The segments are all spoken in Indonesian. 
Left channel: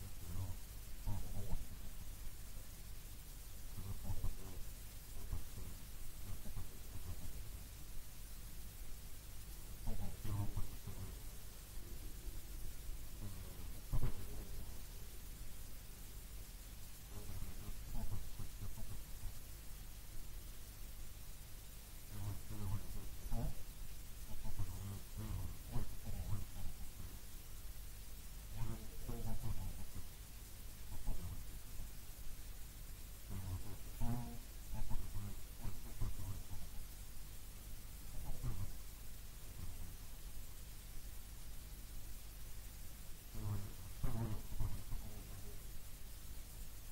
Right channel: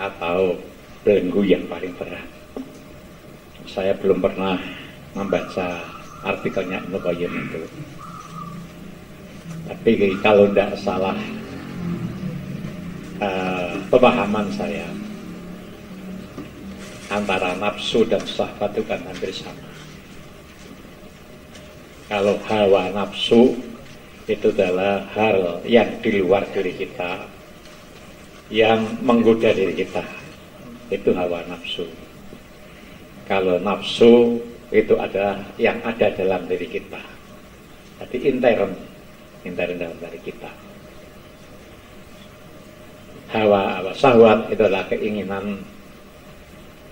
atau belenggu yang paling berat. Saya belum pernah membaca artikelnya Ibnu Qayyim itu. Tapi kalau tidak salah pemahaman saya, antara nafsu dan syahwat itu kan hampir sama. Kalau hawa nafsu itu adalah hal yang di luar diri kita, yang menggoda diri kita, itu hawa nafsu. Kalau nafsu itu adalah yang ada dalam diri kita, jadi intern dalam diri kita. Hawa syahwat itu adalah keinginan.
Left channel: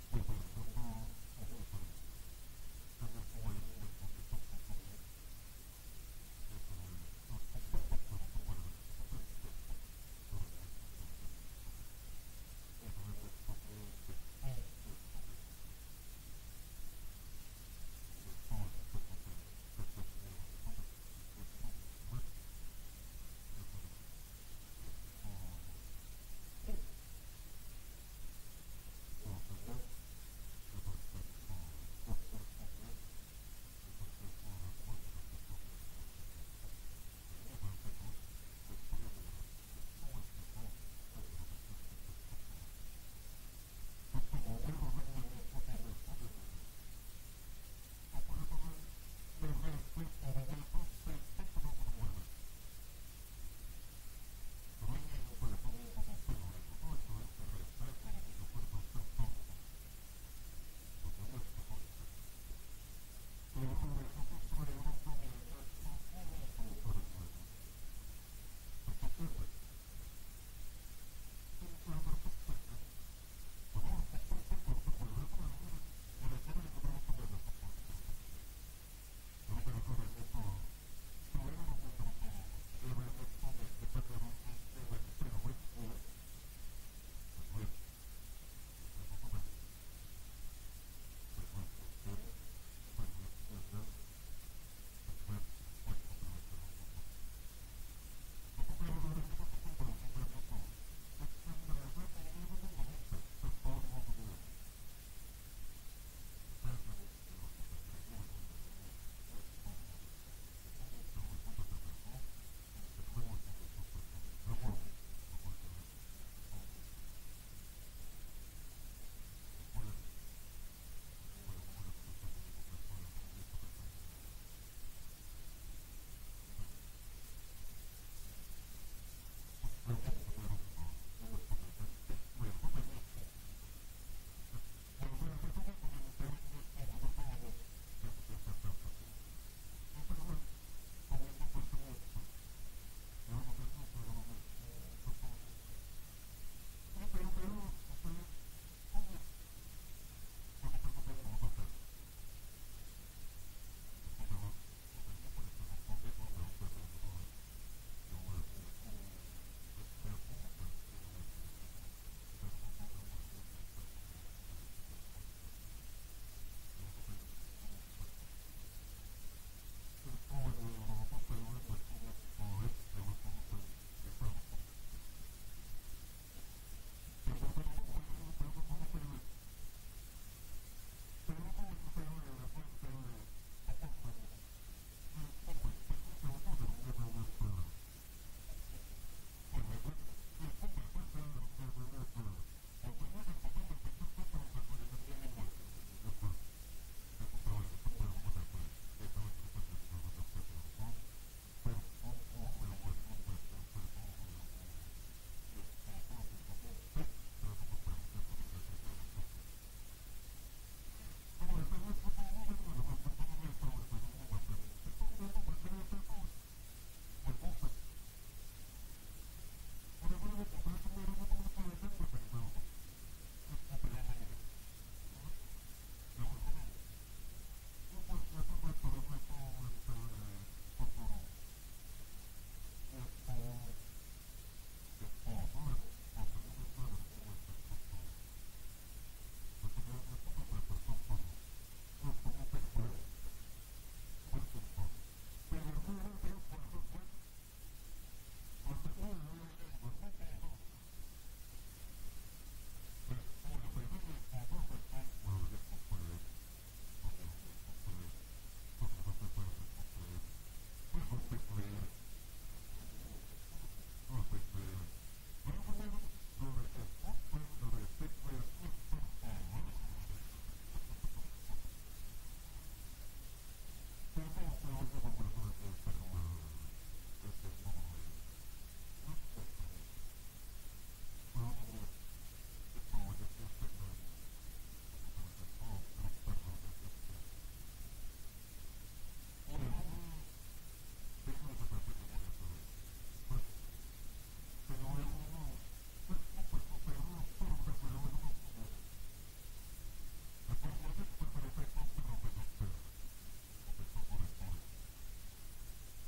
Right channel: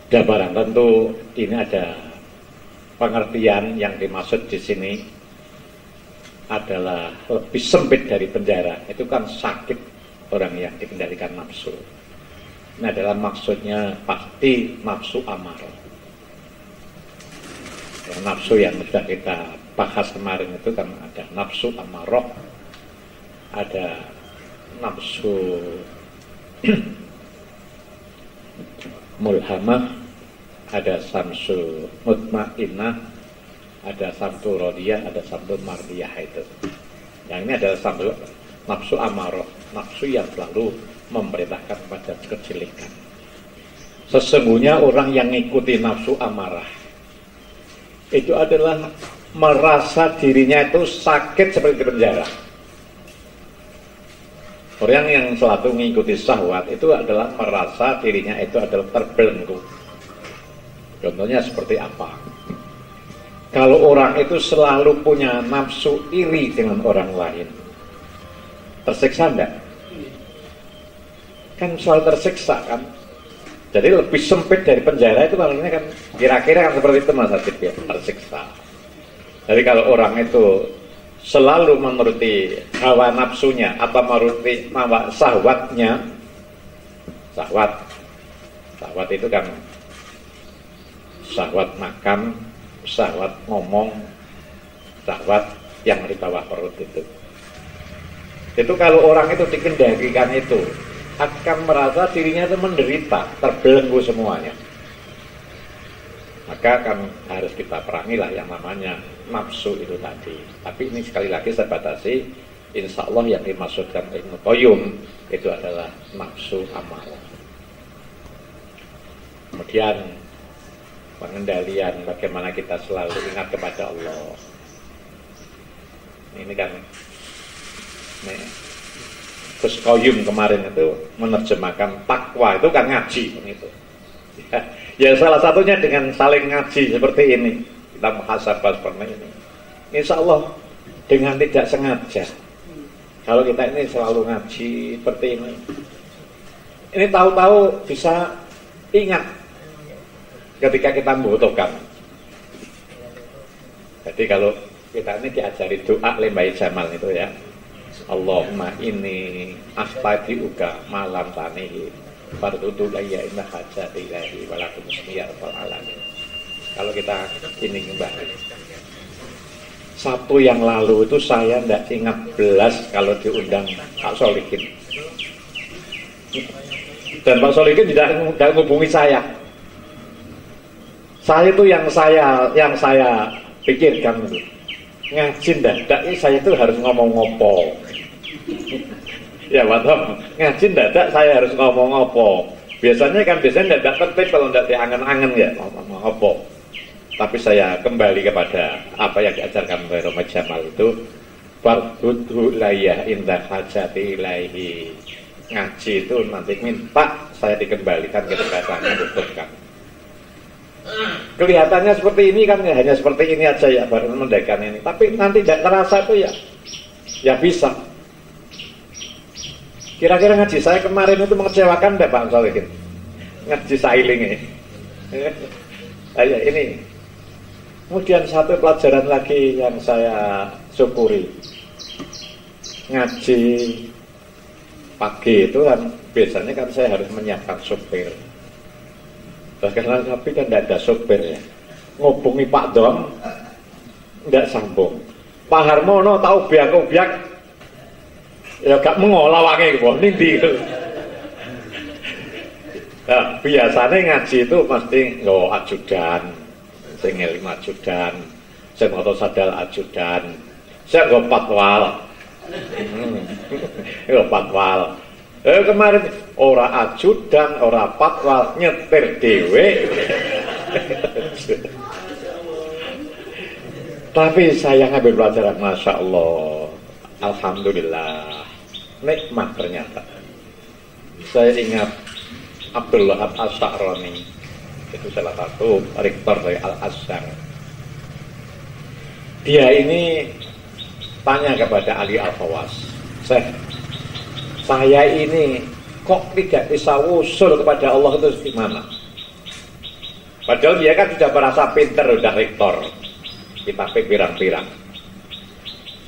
Dan barang tentu ini ada pengertian yang dimaksud di sini adalah lebih sempit dari penjara. Itu kan sakit orang yang dikendalikan nafsu. Nah, dalam maksudnya pasti nafsu amarah. Nafsu yang sudah kita bahas kemarin itu kan ada nafsu amarah, ada nafsu mulhamah, ada samsu mutmainnah, ada samsu rodiyah, ada samsu mardiyah itu. Yang ini adalah samsu nafsu amarah, nafsu yang selalu memerintahkan pada kejelekan. Sesungguhnya orang yang mengikuti nafsu amarah itu adalah merasa dirinya itu sakit seperti di penjara. Orang yang selalu mengikuti syahwat itu adalah merasa dirinya itu adalah terbelenggu. Contohnya seperti apa? Kalau orang itu selalu punya nafsu iri dengan orang lain, tersiksa enggak? Kan selalu tersiksa kan? Jadi lebih sempit dari penjara itu kalau ini kan kira-kira kan seperti itu Mas Adib ya, tersiksa. Jadi kalau orang itu selalu menuruti hawa nafsunya atau menuruti hawa syahwatnya, syahwat itu kan syahwat makan, syahwat ngomong, syahwat yang di bawah perut itu. Itu kalau orang itu dikendalikan itu akan merasa dirinya itu menderita, terbelenggu semuanya. Maka kan harus kita perangilah yang namanya nafsu itu tadi. Tapi ini sekali lagi saya batasi, insya Allah yang dimaksudkan Ibnu Qayyim itu adalah nafsu amarah. Kemudian pengendalian bagaimana kita selalu ingat kepada Allah. Ini kan Gus Qayyim kemarin itu menerjemahkan takwa itu kan ngaji gitu. Ya salah satunya dengan saling ngaji seperti ini, kita muhasabah seperti ini. Insya Allah dengan tidak sengaja, kalau kita ini selalu ngaji seperti ini tahu-tahu bisa ingat ketika kita membutuhkan. Jadi kalau kita ini diajari doa lembai jamal itu ya, Allahumma inni astagfiruka malam tanihi fardudu layya inna hajati ilahi walakum musmiyar alamin. Kalau kita ini kembali Sabtu yang lalu itu saya tidak ingat belas kalau diundang Pak Solikin, dan Pak Solikin tidak menghubungi saya. Saya itu yang saya pikirkan itu ngaji ndak saya itu harus ngomong ngopo. Ya Watom, ngaji ndak saya harus ngomong ngopo. Biasanya ndak tertib kalau ndak diangen-angen ya ngomong ngopo. Tapi saya kembali kepada apa yang diajarkan oleh Roma Jamal itu, fardhu layah indah hajati ilaihi. Ngaji itu nanti minta saya dikembalikan ketika saya membutuhkan. Kelihatannya seperti ini kan ya, hanya seperti ini aja ya baru mendekan ini. Tapi nanti tidak terasa itu ya bisa. Kira-kira ngaji saya kemarin itu mengecewakan enggak Pak Solikin? Ngaji sailing ini. Ini. Kemudian satu pelajaran lagi yang saya syukuri. Ngaji pagi itu kan biasanya kan saya harus menyiapkan supir. Karena tapi kan tidak ada sopir ya. Ngubungi Pak Dom tidak sambung. Pak Harmono tahu biak ya gak mengolah wangi kok nindi. Nah, biasanya ngaji itu pasti nggawa ajudan, sing ngeling ajudan, sing maca sadal ajudan, sing nggawa patwal. Nggawa patwal. Kemarin ora ajudan, ora patwal, nyetir dhewe. Tapi saya ngambil pelajaran, Masya Allah, Alhamdulillah, nikmat ternyata. Saya ingat Abdul Wahab As-Sa'roni, itu salah satu rektor dari Al-Azhar. Dia ini tanya kepada Ali Al-Khawas, saya ini kok tidak bisa usul kepada Allah itu gimana? Padahal dia kan sudah merasa pinter, sudah rektor, kitabnya pirang-pirang.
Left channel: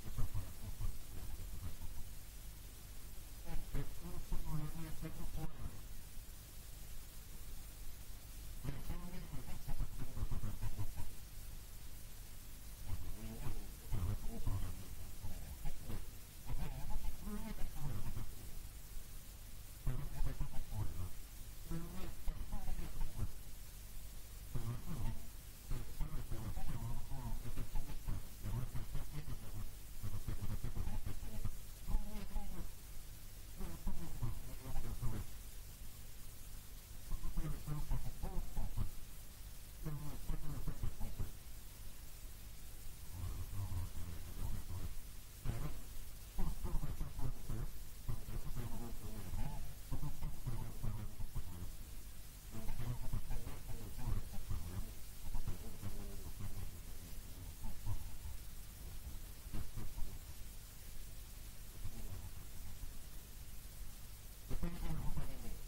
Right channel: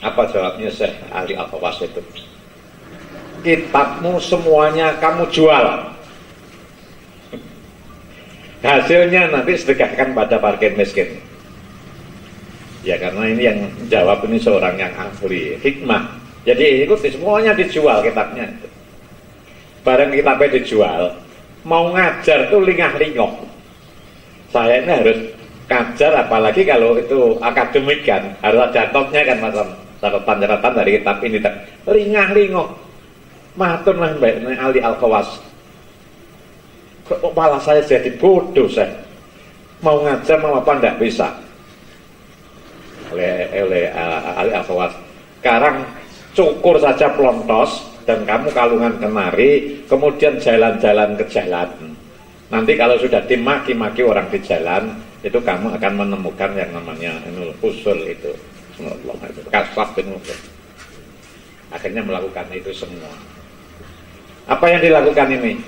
Apa jawabnya Syekh Ali Al-Khawas itu? Kitabmu semuanya kamu jual, hasilnya nanti sedekahkan pada fakir miskin. Ya karena ini yang jawab ini seorang yang ahli hikmah. Jadi ikuti semuanya dijual kitabnya. Barang kitabnya dijual, mau ngajar tuh lingah-lingoh. Saya ini harus ngajar, apalagi kalau itu akademik kan, harus ada topnya kan, macam catatan-catatan dari kitab ini. Lingah-lingoh. Matur lah Mbak Ali Al-Khawas. Kok malah saya jadi bodoh saya. Mau ngajar mau apa enggak bisa. Oleh Ali Al-Khawas. Sekarang cukur saja pelontos dan kamu kalungan kenari, kemudian jalan-jalan ke jalan. Nanti kalau sudah dimaki-maki orang di jalan, itu kamu akan menemukan yang namanya usul itu. Kasaf itu. Akhirnya melakukan itu semua. Apa yang dilakukan ini?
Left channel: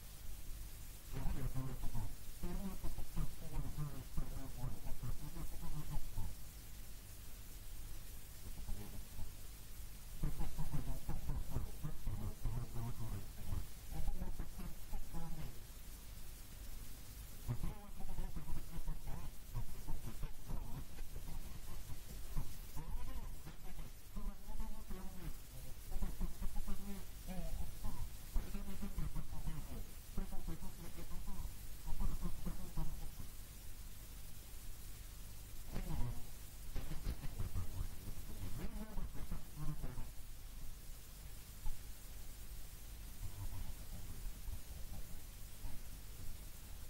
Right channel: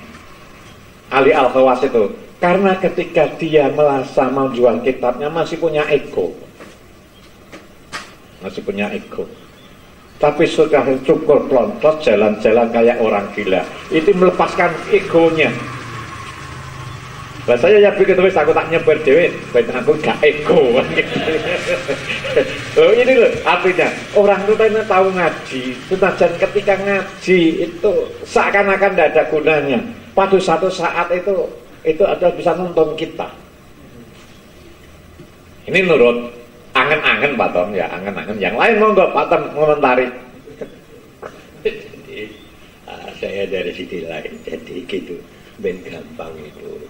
Ali Al-Khawas itu, karena ketika dia merasa mau jual kitabnya masih punya ego. Masih punya ego. Tapi sudah cukur pelontos, jalan-jalan kayak orang gila. Itu melepaskan egonya. Nah, saya ya begitu, aku tak nyebar dewe, baik aku gak ego. Loh, ini loh artinya orang itu tahu ngaji, senajan ketika ngaji itu seakan-akan tidak ada gunanya. Pada satu saat itu adalah bisa nonton kita. Ini menurut angen-angen Pak Tom ya, angen-angen. Yang lain mau nggak Pak Tom komentari? Saya dari sisi lain, jadi gitu, ben gampang itu.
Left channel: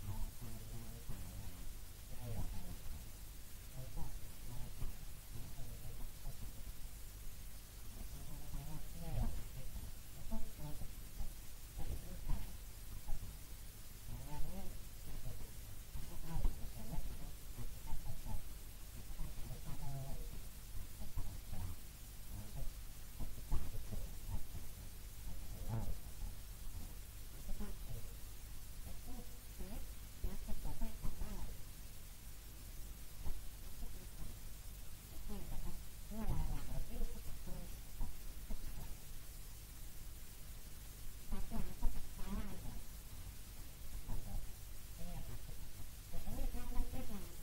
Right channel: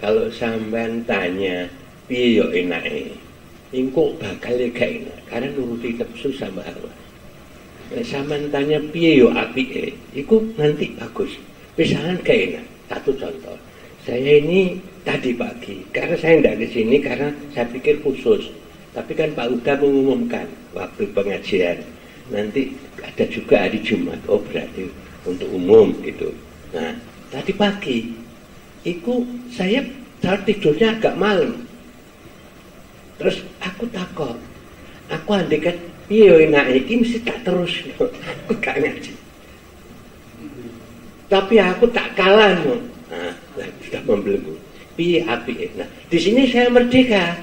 Kalau sampean tanya, piye yo enake? Engko bakal gak enak, karena nuruti nafsu sama hawa. Nek sampean tanya piye yo apike, iku nanti bagus. Misalkan gak enak. Satu contoh, saya ini tadi pagi, karena saya tidak ke sini karena saya pikir khusus. Tapi kan Pak Uda mengumumkan waktu pengajian, nanti ada juga hari Jumat, oh berarti untuk umum gitu. Nah, tadi pagi, itu saya tidurnya agak malam. Terus aku takut, aku andekan, iya enak ini mesti tak terus, aku gak ngaji. Tapi aku tak kalah, nah, sudah membelenggu. Piye api, nah, di sini saya merdeka.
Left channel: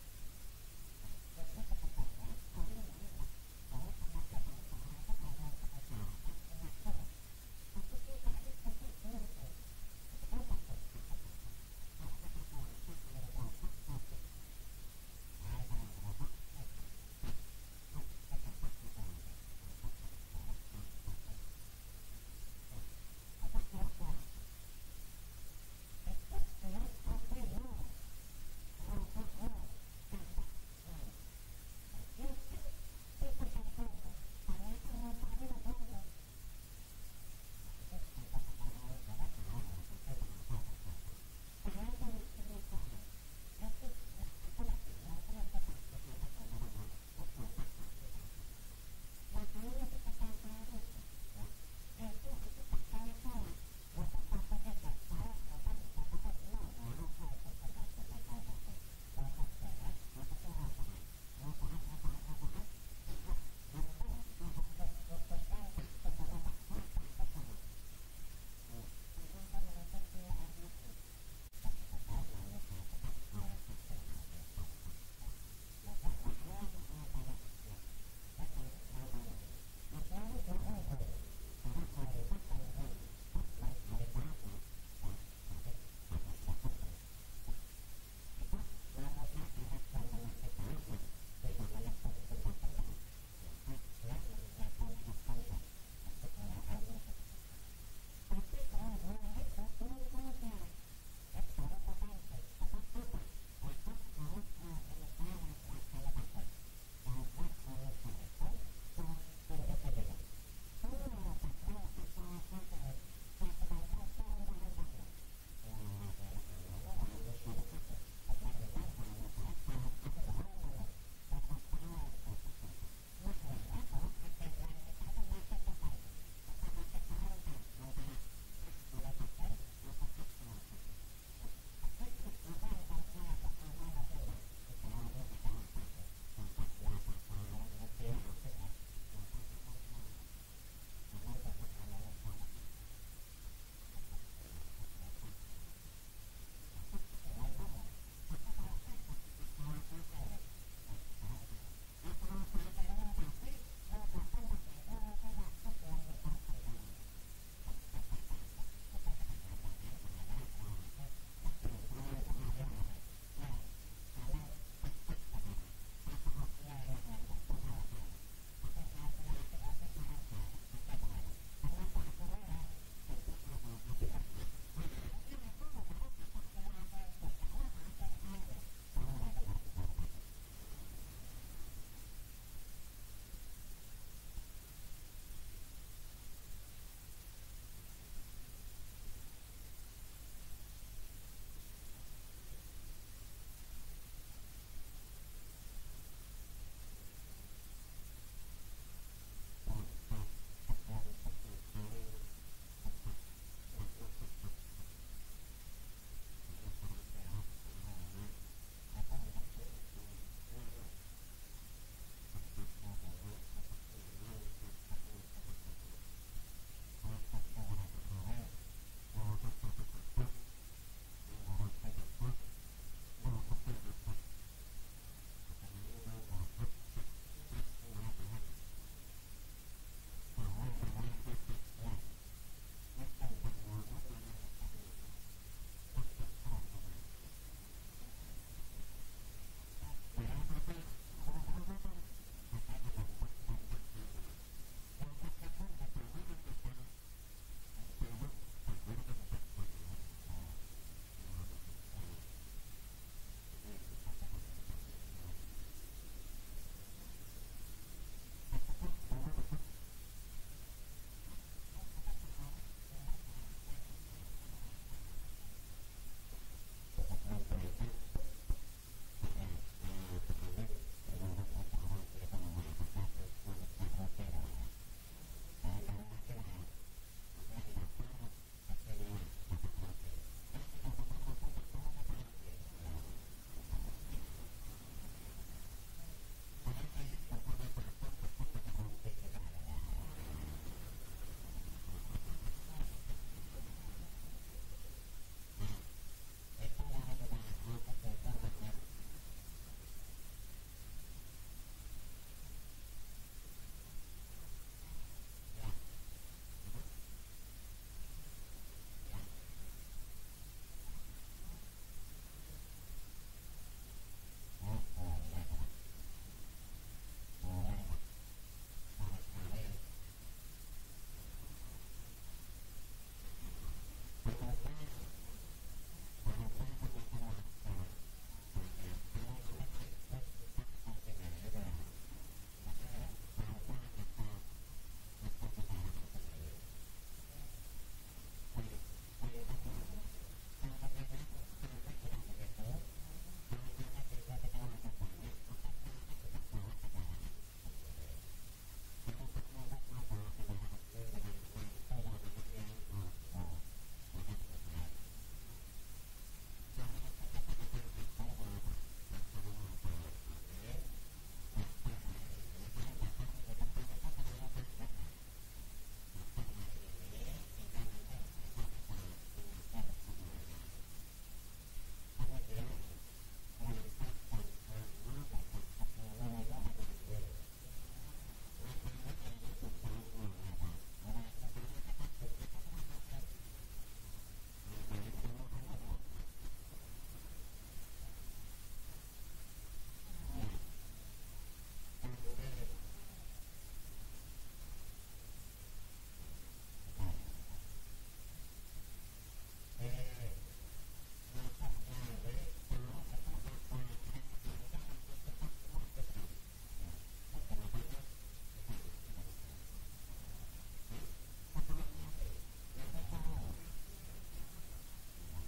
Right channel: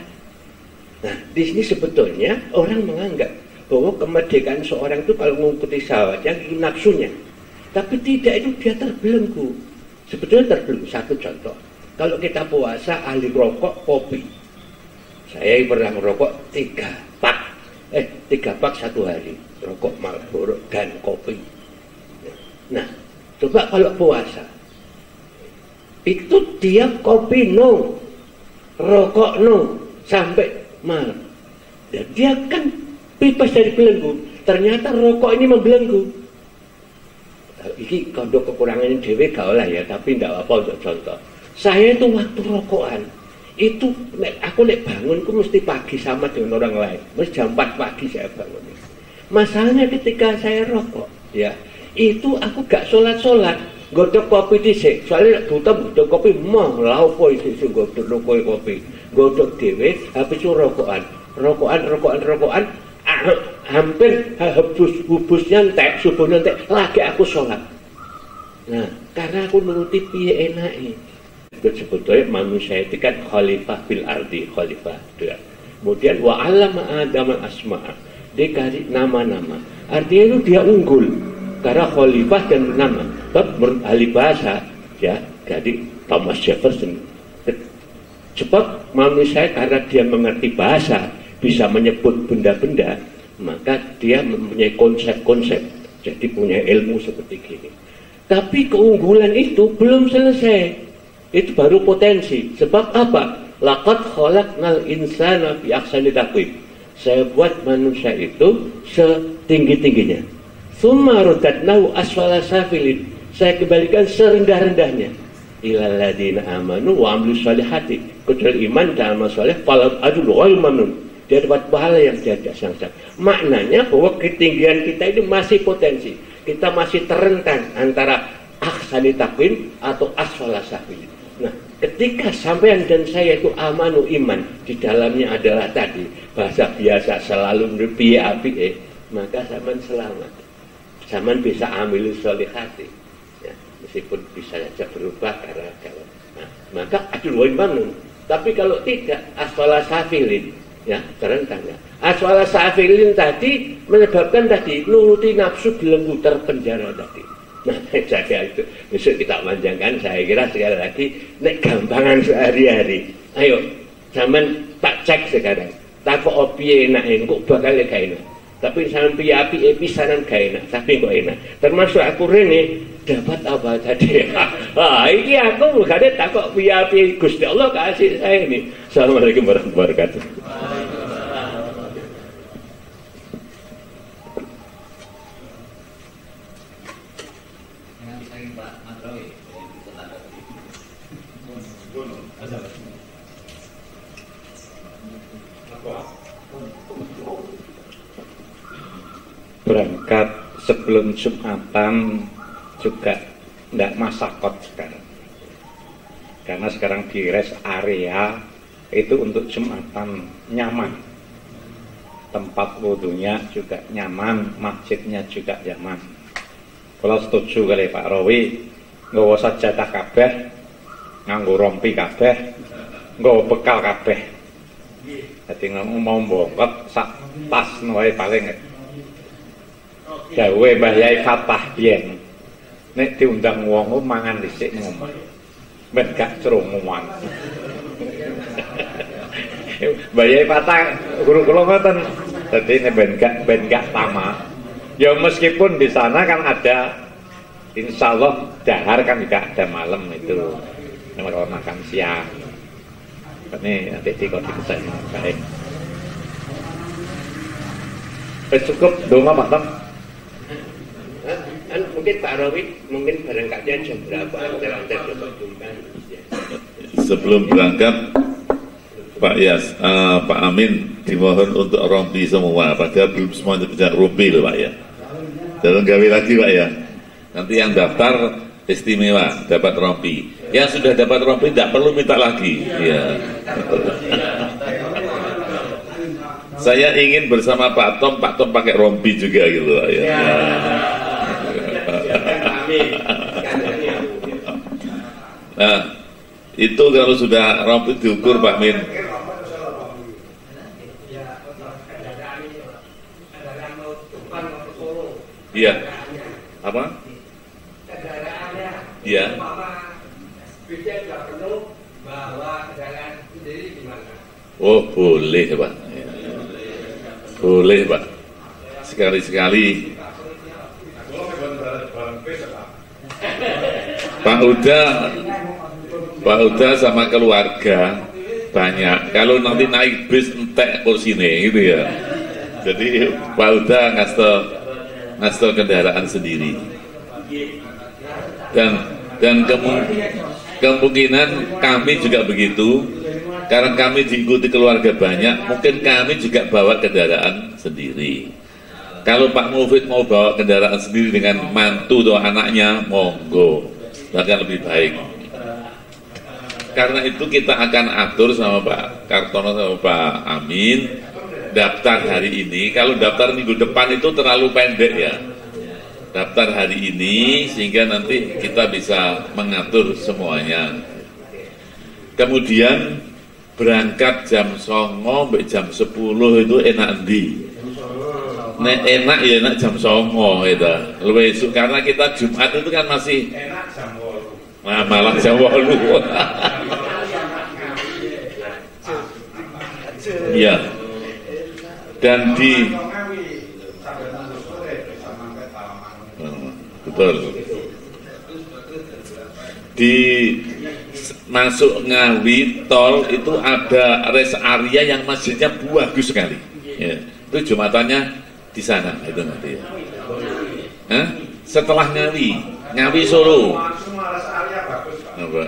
Nah, di sini sebetulnya orang menganggap bahwa kemerdekaan seorang itu kalau mengikuti syahwatnya, nafsunya. Tapi tidak, itu dia terbelenggu. Sebetulnya terbelenggu. Satu contoh, kalau kita puasa ahli rokok, kopi. Saya pernah merokok 3 pak satu hari, rokok Marlboro dan kopi. Nah, coba kalau puasa, itu dia kopi no, rokok no, sampai malam. Dan dia kan bebas dari belenggu. Ternyata rokok ini membelenggu. Ini kondok kekurangannya dewe gak lah ya, tapi tidak apa untuk contoh. Saya itu waktu rokokan, itu aku nek bangunku mesti pagi sama dengan orang lain. Mesti jam 4 pagi saya bangun. Masalahnya ketika saya rokok, ya itu aku gak sholat, godok kopi dhisik. Soalnya buta godok kopi mau lha opo iki godok kopi. Godok dhewe habis rokokan, hampir hubusnya entek, subuhnya entek, lagi aku sholat. Nah, karena aku nuruti piye enake. Sebetulnya manusia itu kan khalifah bil ardi, khalifah. Kemudian wa 'allama Adam al-asma', dia kasih nama-nama. Artinya itu dia unggul karena khalifah dan nama. Bab ahli bahasa ya, jadi Thomas Jefferson. Sebab manusia karena dia mengerti bahasa, bisa menyebut benda-benda, maka dia mempunyai konsep-konsep, jadi punya ilmu seperti gini. Tapi keunggulan itu belum selesai, itu baru potensi. Sebab apa? Laqad khalaqnal insana fi ahsani taqwim. Saya buat manusia itu setinggi-tingginya. Tsumma radadnahu asfala safilin. Saya kembalikan serendah-rendahnya. Ilal ladzina amanu wa amilus solihati. Kecuali iman dan amal soleh, falam adul ghairu mamnun. Dia dapat pahala yang tiada sangsa. Maknanya bahwa ketinggian kita ini masih potensi. Kita masih terentang antara ahsani taqwim atau asfala safilin. Nah, ketika sampean dan saya itu amanu iman, di dalamnya adalah tadi bahasa biasa selalu piye-piye, maka sampean selamat. Sampean bisa ambil solihati, ya, meskipun bisa saja berubah karena kalau, nah, maka adul imanun. Tapi kalau tidak, asfala safilin, ya, terentang ya. Asfala safilin tadi menyebabkan tadi nuruti nafsu belenggu terpenjara tadi. Nah, jaga itu besok kita panjangkan. Saya kira sekali lagi nek gampangan sehari-hari. Ayo, zaman tak cek sekarang. Tak kok opiye enak kok bakal gak enak. Tapi sampai api pisanan gak enak, tapi kok enak. Termasuk aku rene dapat apa tadi? Ini aku bukan tak kok api Gusti Allah kasih saya ini. Assalamualaikum warahmatullahi wabarakatuh. Berangkat sebelum Jumatan juga tidak masakot sekarang, karena sekarang di rest area itu untuk Jumatan nyaman, tempat wudhunya juga nyaman, masjidnya juga nyaman. Kalau setuju kali Pak Rawi, nggawa sajadah kabeh, nganggo rompi kabeh, nggawa bekal kabeh. Jadi mau bongkot sak tas wae paling dawe Mbah Yai Fatah biyen nek diundang wong mangan dhisik ngomong ben gak crunguan. Mbah Yai Fatah guru kula ngoten, dadi nek ben gak tamak. Ya meskipun di sana kan ada insyaallah dahar kan juga ada malam itu kalau makan siang. Ini nanti dikonsisten baik. Cukup donga Pak Tam. Mungkin Pak Rawi, mungkin barangkali jam berapa antara sebelum berangkat Pak Yas, Pak Amin dimohon untuk rompi semua, padahal belum semuanya bisa rompi loh Pak ya. Jangan gawe lagi Pak ya. Nanti yang daftar istimewa dapat rompi. Yang sudah dapat rompi tidak perlu minta lagi. Ya. Saya ingin bersama Pak Tom pakai rompi juga gitu Pak ya. Nah, itu kalau sudah rompi diukur Pak Min. Iya. Apa? Iya. Oh boleh Pak. Boleh Pak. Sekali-sekali. Pak Uda sama keluarga banyak. Kalau nanti naik bis entek kursinya gitu ya. Jadi Pak Uda ngasih kendaraan sendiri. Dan kemungkinan kami juga begitu. Karena kami diikuti keluarga banyak, mungkin kami juga bawa kendaraan sendiri. Kalau Pak Mufid mau bawa kendaraan sendiri dengan mantu atau anaknya, monggo, bahkan lebih baik. Karena itu kita akan atur sama Pak Kartono sama Pak Amin daftar hari ini. Kalau daftar minggu depan itu terlalu pendek ya. Daftar hari ini sehingga nanti kita bisa mengatur semuanya. Kemudian berangkat jam 09.00 sampai jam 10 itu enak ndi? Nek enak ya enak jam 09.00 itu. Karena kita Jumat itu kan masih enak jam 8. malah jam 8. Iya. Dan betul. Di masuk Ngawi tol itu ada rest area yang masjidnya bagus sekali. Ya, itu Jumatannya di sana itu nanti. Ya. Hah? Setelah Ngawi Solo. Apa?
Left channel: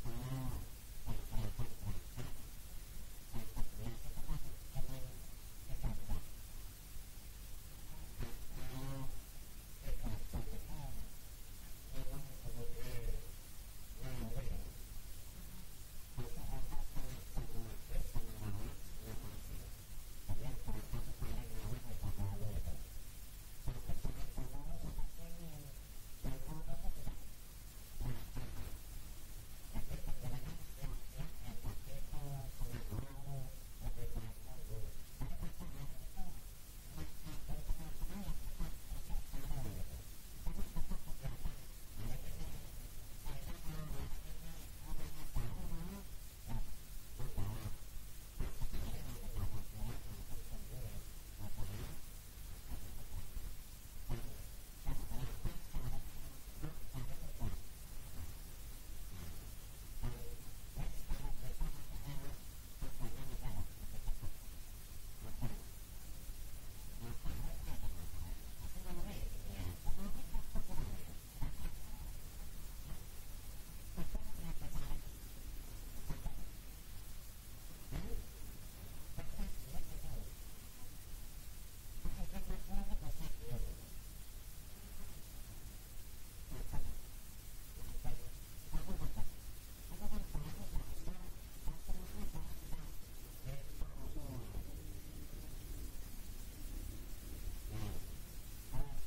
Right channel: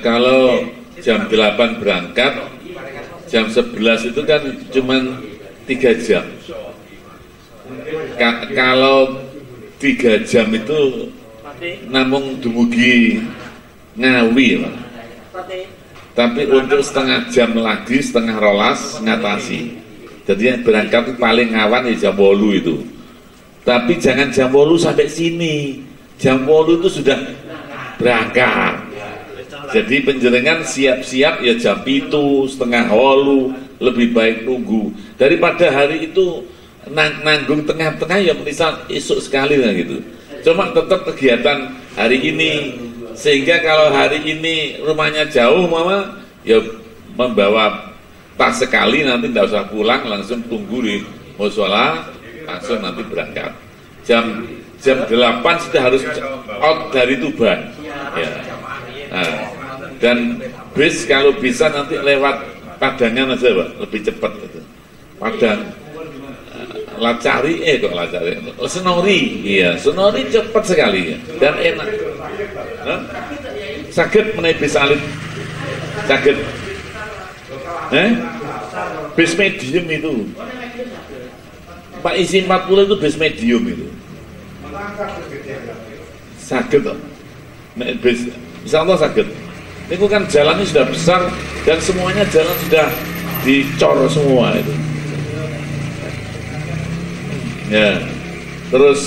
Kalau jam 8 berangkat, jam 11 itu kan cuma 3 jam. Kalau 3 jam itu namung dumugi Ngawi, Pak. Tapi untuk setengah jam lagi, setengah rolas ngatasi. Jadi berangkat itu paling awan di jam 8 itu. Tapi jangan jam 8 sampai sini. Jam 8 itu sudah berangkat. Jadi penjenengan siap-siap ya jam 7, setengah 8, lebih baik nunggu. Daripada hari itu nanggung tengah-tengah ya misal esok sekali lah gitu. Cuma tetap kegiatan hari ini. Sehingga kalau hari ini rumahnya jauh mama ya membawa tas sekali, nanti tidak usah pulang, langsung tunggu di mushola, langsung nanti berangkat. Jam 8 sudah harus out dari Tuban. Ya. Nah, dan bis kalau bisa nanti lewat Padangan aja Pak, lebih cepat gitu. Padang Lacari, Senori, iya, Senori cepat sekali ya. Dan enak. Saged menaik bis alit, saged. Bis medium itu. Pak isi 40 itu bis medium itu. Saged kok. Naik bis, insyaallah saged. Ini kan jalannya sudah besar dan semuanya jalan sudah dicor semua itu. Ya, terus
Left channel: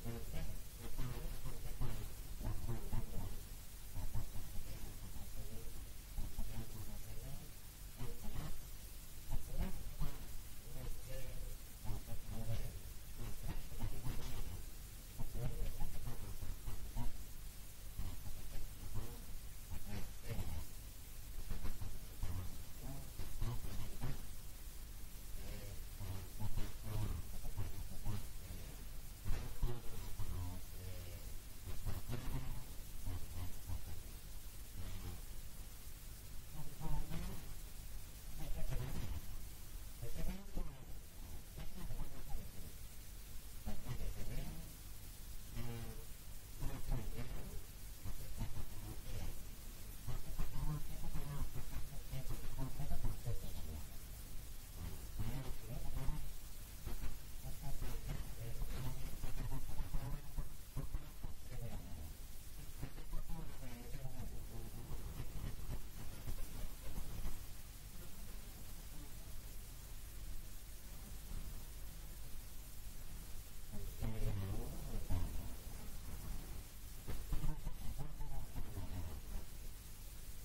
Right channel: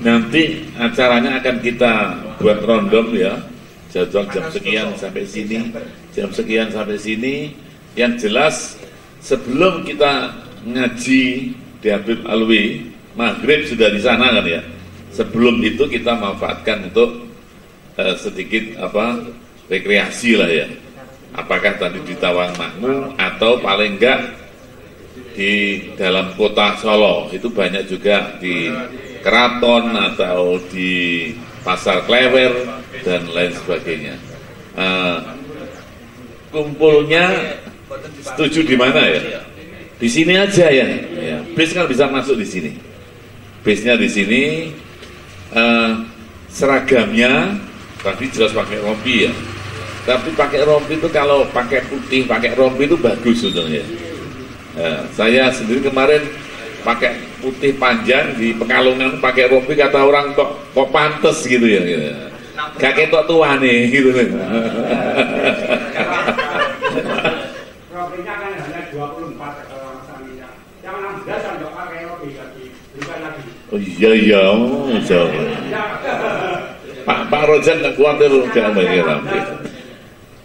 nanti acaranya akan kita buat rondom ya, jadwal jam sekian sampai sini, jam sekian sampai sini. Yang jelas sebelum kita ngaji di Habib Alwi, maghrib sudah di sana kan ya. Sebelum itu kita manfaatkan untuk sedikit rekreasi lah ya. Apakah tadi di Tawangmangu atau paling enggak di dalam kota Solo, itu banyak juga di Keraton atau di Pasar Klewer dan lain sebagainya. Kumpulnya setuju di mana ya? Di sini aja ya. Bis kan bisa masuk di sini. Bisnya di sini, seragamnya tadi jelas pakai rompi ya. Tapi pakai rompi itu kalau pakai putih, pakai rompi itu bagus sebetulnya. Saya sendiri kemarin pakai putih panjang di Pekalongan pakai rompi, kata orang kok pantes gitu ya. Gitu. Gak ketok tua nih gitu. Rompinya kan hanya 24 kalau misalnya. Yang 16 sampai pakai rompi lagi, bukan lagi. Oh iya, jauh. Pak Rojan nggak khawatir jangan pakai rompi.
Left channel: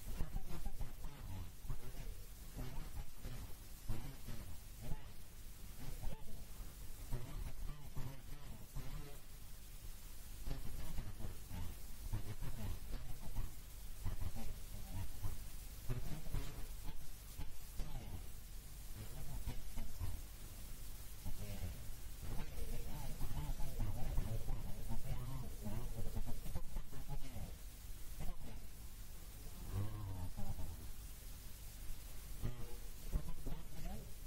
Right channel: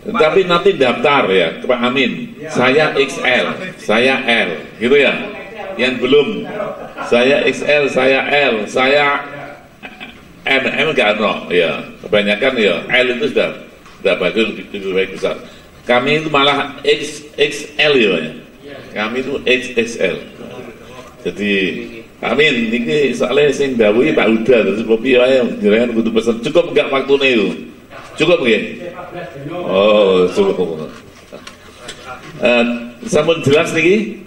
Tapi nanti daftar ya, Pak Amin. Saya XL, saya L, gitu ya. Yang belum, saya XL, saya L, saya M nggak no, ya. Kebanyakan ya L itu sudah bagus, lebih baik besar. Kami itu malah XXL ya. Kami itu XXL. Jadi Pak Amin, ini soalnya sing dawuhi Pak Huda, terus kopi wae jenengan kudu pesen. Cukup enggak waktune itu? Cukup nggih? Oh, cukup. Sampun jelas niki?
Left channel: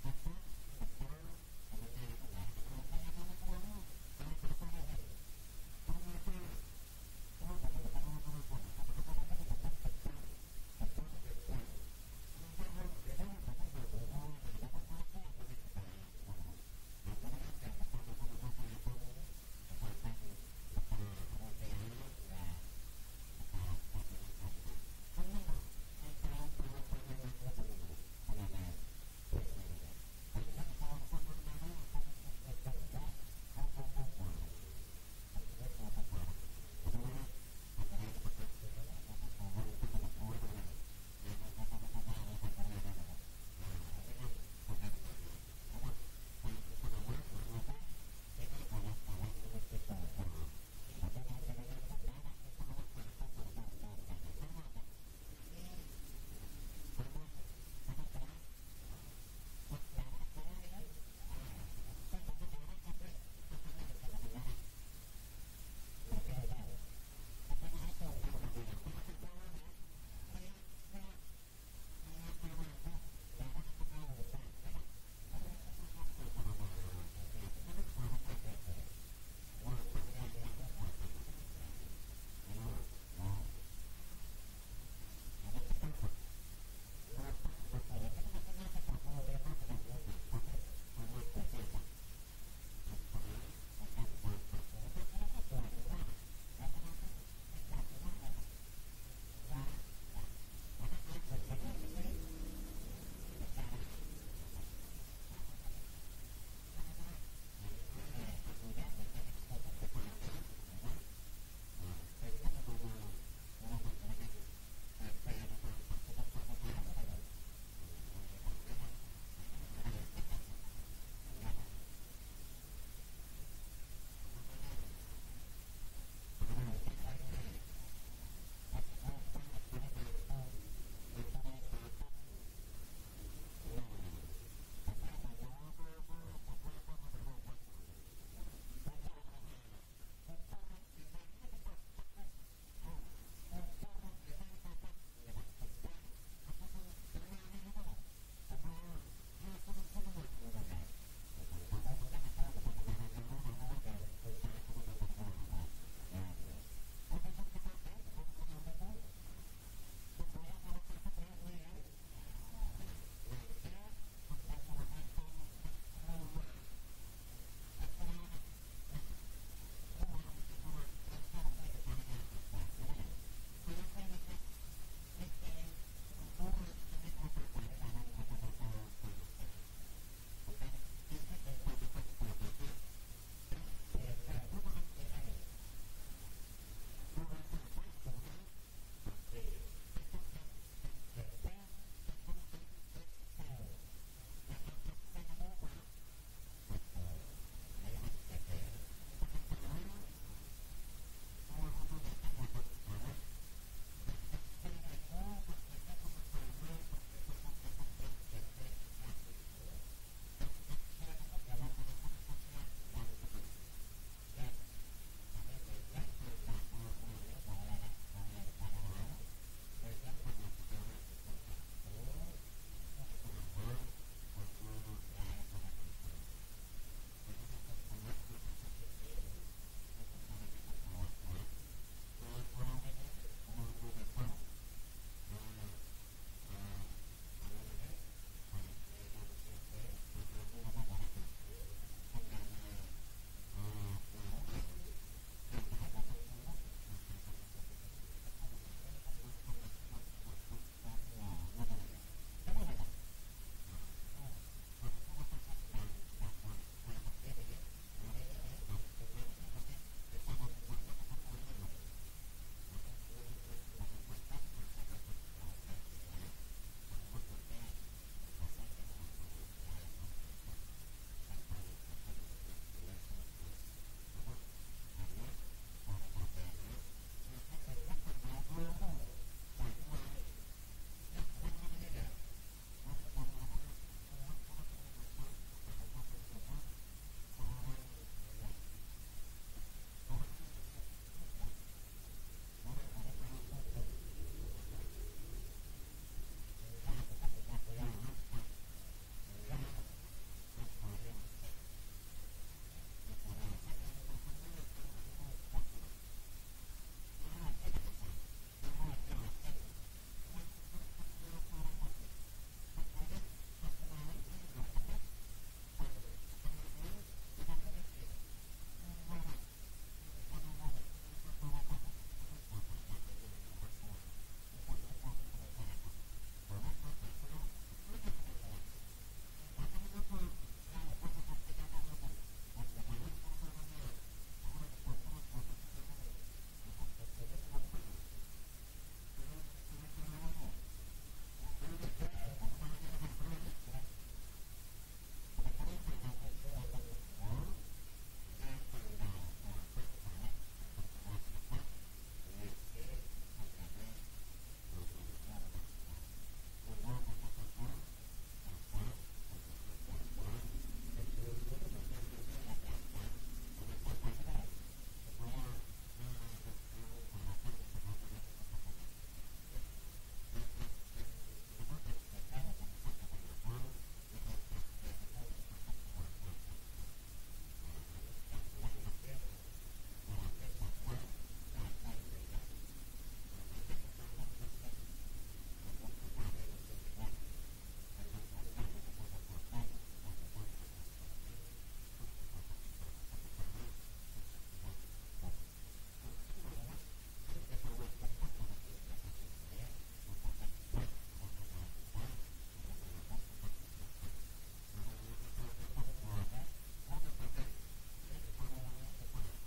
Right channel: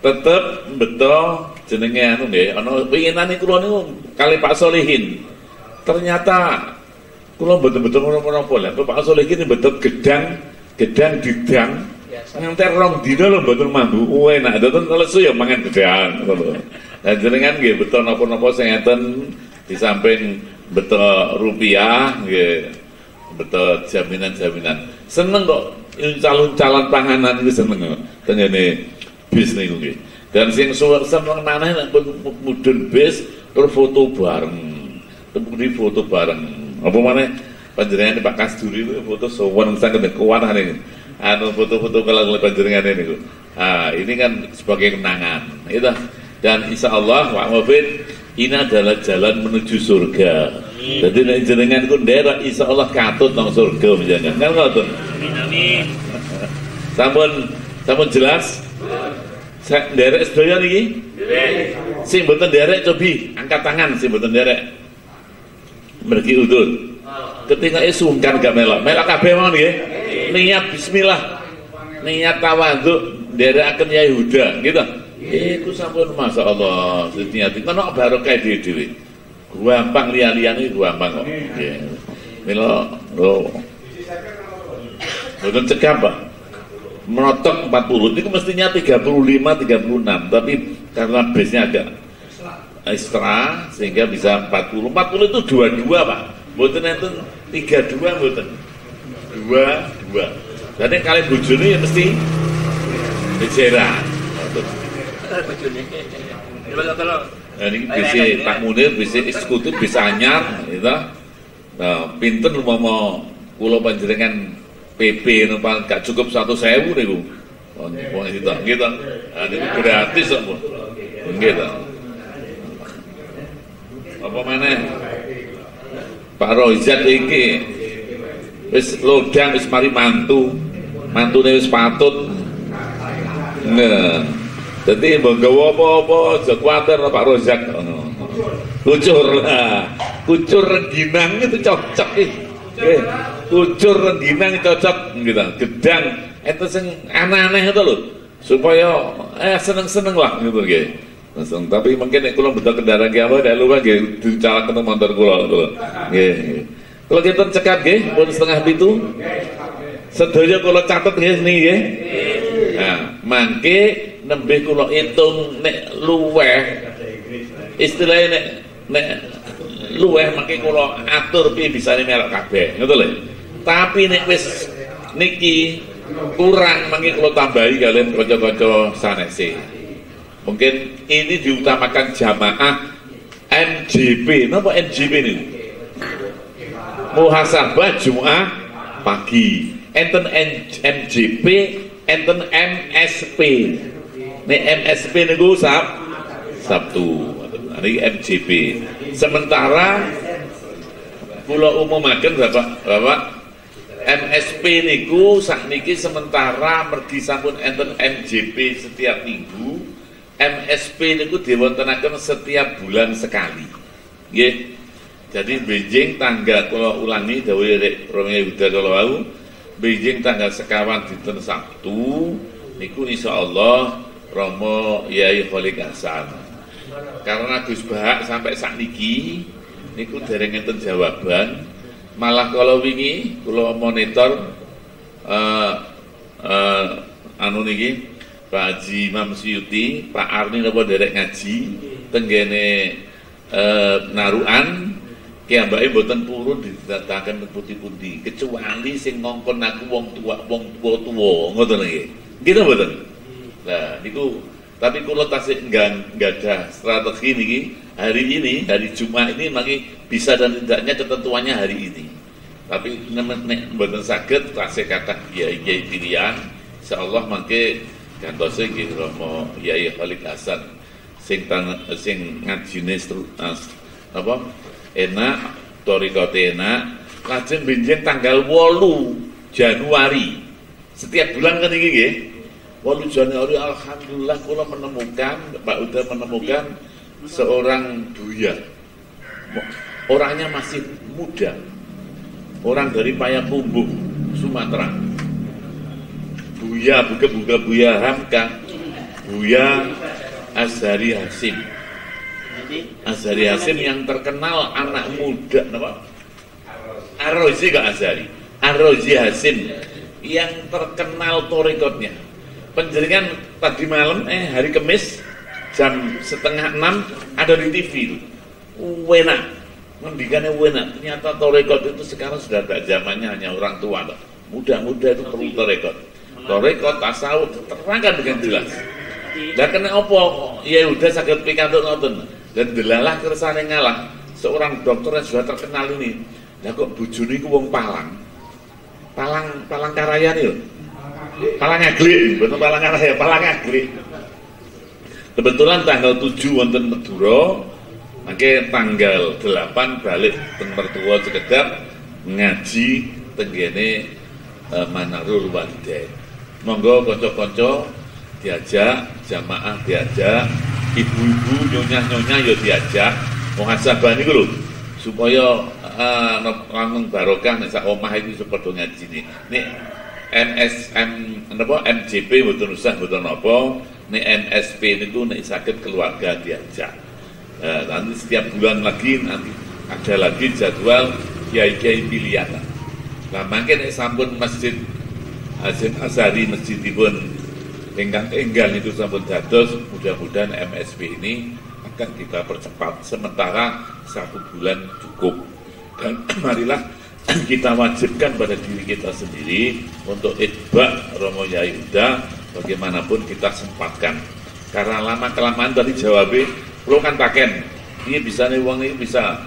Tetep betul jenenge anu nggih, ana winginane kula niku kali Pak Solihin. Ternyata kula betul-betul menapa lha Pak Solihin betul gedang didang. Nganti rong dina lho mboten mambu. Enak mboten lesu ya mangan gedang ngono. Lah jenengan nggih betul napa-napa sing ngeten di samping betul rupiah nggih. Betul jaminan-jaminan. Seneng kok calon panganan itu seneng kok. Tengene bis niku nggih. Dan sing seneng maneh nek mudhun bis terus foto bareng. Temudi foto bareng. Apa maneh panjenengan Pak Kasduri itu foto sowan sangat kuat ini. Anu foto-foto kalau panjenengan ini. Ini kan sebagai kenangan. Itu. Dan insya Allah Pak Mufid ini adalah jalan menuju surga. Jadi nek jenengan ku nderek insya Allah katut nang surga menjangan. Kan ngoten. Amin. Sampun jelas? Saya nderek sedaya niki? Sing mboten nderek cobi angkat tangan sing mboten nderek. Mergi udun. Ketika sungkan gak melok kabeh mawon nggih. Niat bismillah. Niat tawadhu nderekaken Yai Huda, gitu. Iku sampun masyaallah, niat kena barokah dhewe-dhewe. Gampang liya-liyane gampang kok. Nggih. Mila mboten cegah, Pak. Menotok 40 itu mestinya 35 36, tapi karena base-nya agak ekstra sehingga bisa 40 itu 22 Pak, mboten enten 32 mboten 22. Jadi kali bojone ya mesti bicara bojone ini bisa Pak Munir, bisa eksekutif, bisa anyar gitu. Nah, pinten umpama kula panjenengan PP numpak gak cukup 100.000 niku. Wong itu gitu. Niku gratis kok. Gitu. Apa maneh? Pak Rozak iki wis lodang wis mari mantune wis patut. Nah, dadi mbok gawa apa-apa aja kuwatir Pak Rozak ngono. Kucur rengginang itu cocok iki. Kucur rengginang cocok gitu. Gedang itu sing aneh-aneh itu lho. Supaya seneng-seneng lah gitu nggih. Tapi mungkin nek kula betul kendaraan ki apa nek luwih nggih dicalaken motor kula lho. Nggih. Kula kinten cekap nggih pun 6:30. Sedaya kula catet nggih niki nggih. Nah, mangke nembe kula hitung nek luweh istilahnya nek luweh mangke kula atur piye bisane melok kabeh ngono lho. Tapi nek wis niki kurang mangke kula tambahi kalian kanca-kanca sanese. Mungkin ini diutamakan jamaah MJP. Napa MJP ini? Muhasabah Jumat pagi. Enten MJP, enten MSP. Nek MSP niku Sabtu. Ini MJP. Sementara kula umumaken Bapak MSP niku sakniki sementara mergi sampun enten MJP setiap minggu. MSP niku diwontenaken setiap bulan sekali. Nggih. Jadi Beijing tanggal kula ulangi dawuh Rek Romi Huda kala wau, Beijing tanggal sekawan dinten Sabtu niku insyaallah Romo Yai Kholik Hasan. Karena Gus Bahak sampai sakniki niku dereng enten jawaban, malah kala wingi kula monitor anu niki Pak Haji Imam Suyuti, Pak Arni napa derek ngaji tenggene Narukan ki ambake mboten purun didadakaken pundi-pundi kecuali sing ngongkon aku wong tuwa ngoten nggih. Gitu mboten. Lah niku tapi kula tasih enggak ada strategi niki hari Jumat ini mangke bisa dan tidaknya ketentuannya hari ini. Tapi nek mboten saged tasih kathah kiai-kiai pilihan insyaallah mangke gantose nggih Romo Yai Kholik Hasan sing ngajine apa enak torikote enak lajeng benjing tanggal 8 Januari setiap bulan kan iki nggih 8 Januari alhamdulillah kula menemukan Pak Uda menemukan seorang buya orangnya masih muda orang dari Payakumbuh Sumatera Buya Buya Hamka Buya Azhari Hasim yang terkenal anak muda apa? Arrozi gak Azhari Arrozi Hasim yang terkenal torikotnya penjaringan tadi malam hari Kamis jam 5:30 ada di TV enak mendikannya enak ternyata torikot itu sekarang sudah tak zamannya hanya orang tua muda-muda itu perlu torikot tasawuf terangkan dengan jelas. Dan kena apa? Ya udah sakit pikantuk ngoten. Dan delalah kersane ngalah seorang dokter yang sudah terkenal ini Lah kok bojone iku wong Palang. Palang Karayane lho. Palang Aglik, bener Palang Karaya, Palang Aglik. Kebetulan tanggal 7 wonten Madura, mangke tanggal 8 balik teng mertua Cekedap ngaji tenggene Manarul Walidain. Monggo kanca-kanca diajak, jamaah diajak, ibu-ibu nyonya-nyonya ya diajak, muhasabah niku lho supaya langsung barokah nek sak omah iki padha ngaji nek MJP mboten usah mboten napa, nek MSP niku nek saged keluarga diajak. Nanti setiap bulan lagi nanti ada lagi jadwal kiai-kiai pilihan. Lah mangke nek sampun Masjid Azhari masjidipun ingkang enggal itu sampun dados, mudah-mudahan MSP ini akan kita percepat, sementara 1 bulan cukup. Dan marilah kita wajibkan pada diri kita sendiri untuk itba Romo Yai Huda, bagaimanapun kita sempatkan. Karena lama-kelamaan tadi jawabnya, lo kan paken, ini bisa nih uang ini bisa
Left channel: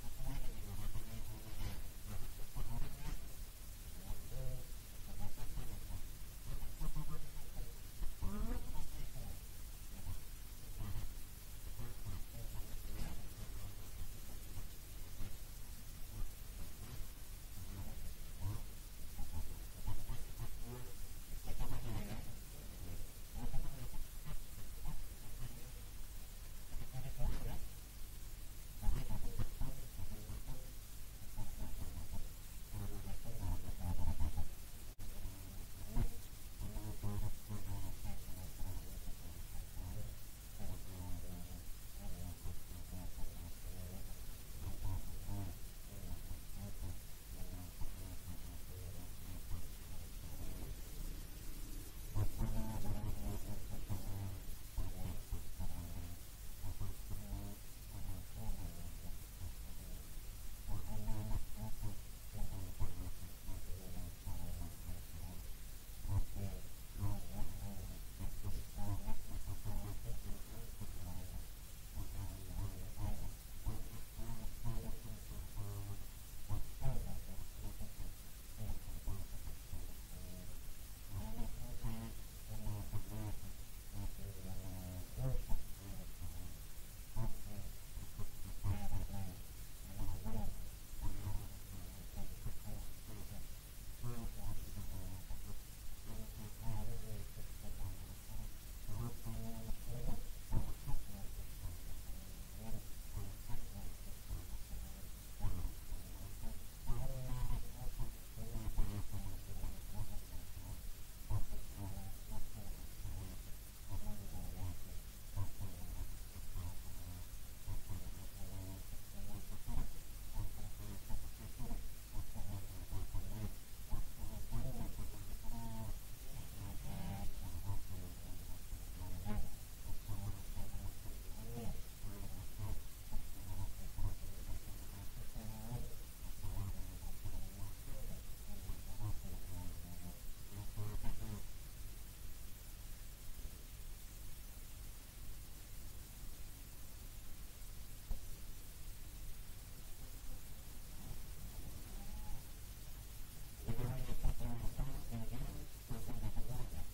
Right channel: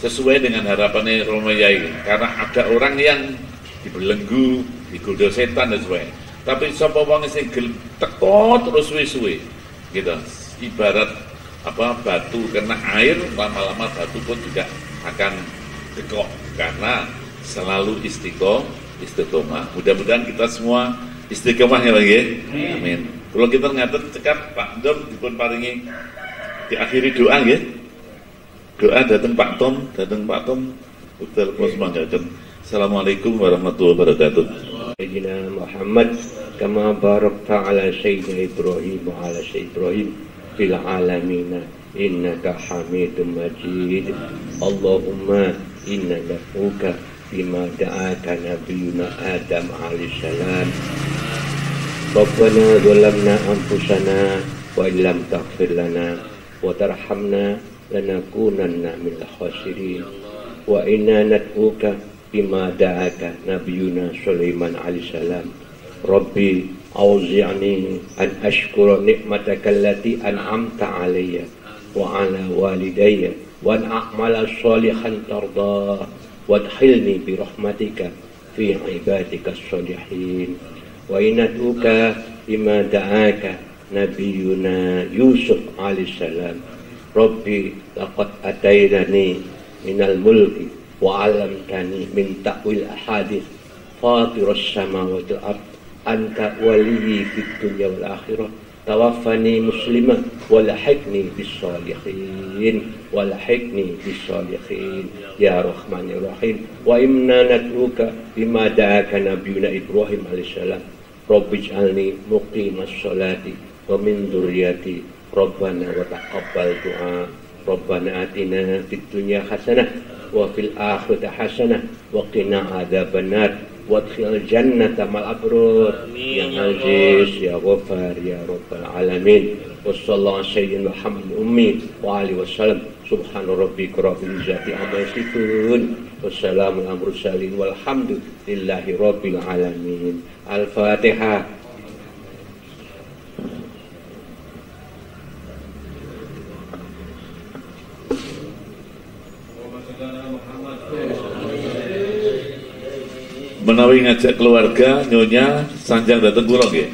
sesuai dengan harapannya Romo Yai. Karena ada orang yang dibelenggu, digoda setan dan sebagainya. Tapi sapa wong sing teko terus suwe-suwe gitu. Ibarat batu kena air, lama-lama batu pun juga akan tekok karena selalu istiqomah. Mudah-mudahan kita semua istiqomah ya Pak nggih. Amin. Kalau kita ngaten cekap Pak Dom dipun paringi diakhiri doa nggih. Doa datang Pak Tom, utul semangatken. Assalamualaikum warahmatullahi wabarakatuh. Sayyidina Muhammad kama barakta ala sayyidina Ibrahim wa ala sayyidina Ibrahim fil alamin innaka Hamidum Majid. Allahumma inna naf'uka bima da'aka nabiyuna Adam alaihi salam. Rabbana zalamna anfusana wa illam taghfir lana wa tarhamna lanakunanna minal khasirin. Wa inna nad'uka bima da'aka nabiyuna Sulaiman alaihi salam. Rabbi auzi'ni an ashkura ni'mataka allati an'amta alayya wa ala walidayya wa an a'mala shalihan tardah wadkhilni bi rahmatika fi ibadika sholihin. Wa inatuka bima da'aka nabiyuna Yusuf alaihi salam. Rabbi laqad ataitani minal mulki wa 'allamtani min ta'wil ahadits fatirus samawati wal ard anta waliyyi fid dunya wal akhirah tawaffani musliman walhiqni bis sholihin ya rahmanir rahim. Wa inna nad'uka bima da'aka nabiyuna Ibrahim alaihi salam. Rabbij'alni muqimas sholati wa min dzurriyyati rabbana wa taqabbal du'a. Rabbana atina fid dunya hasanah wa fil akhirati hasanah wa qina adzabannar wadkhil jannata mal abrur ya aziz ya ghafar ya rabbal alamin. Wassallallahu sayyidina Muhammad ummi wa alihi wasallam. Subhana rabbika rabbil izzati amma yasifun wassalamu ala mursalin walhamdulillahi rabbil alamin. Al-Fatihah. Menawi ngajak keluarga nyonya sanjang dateng kula nggih.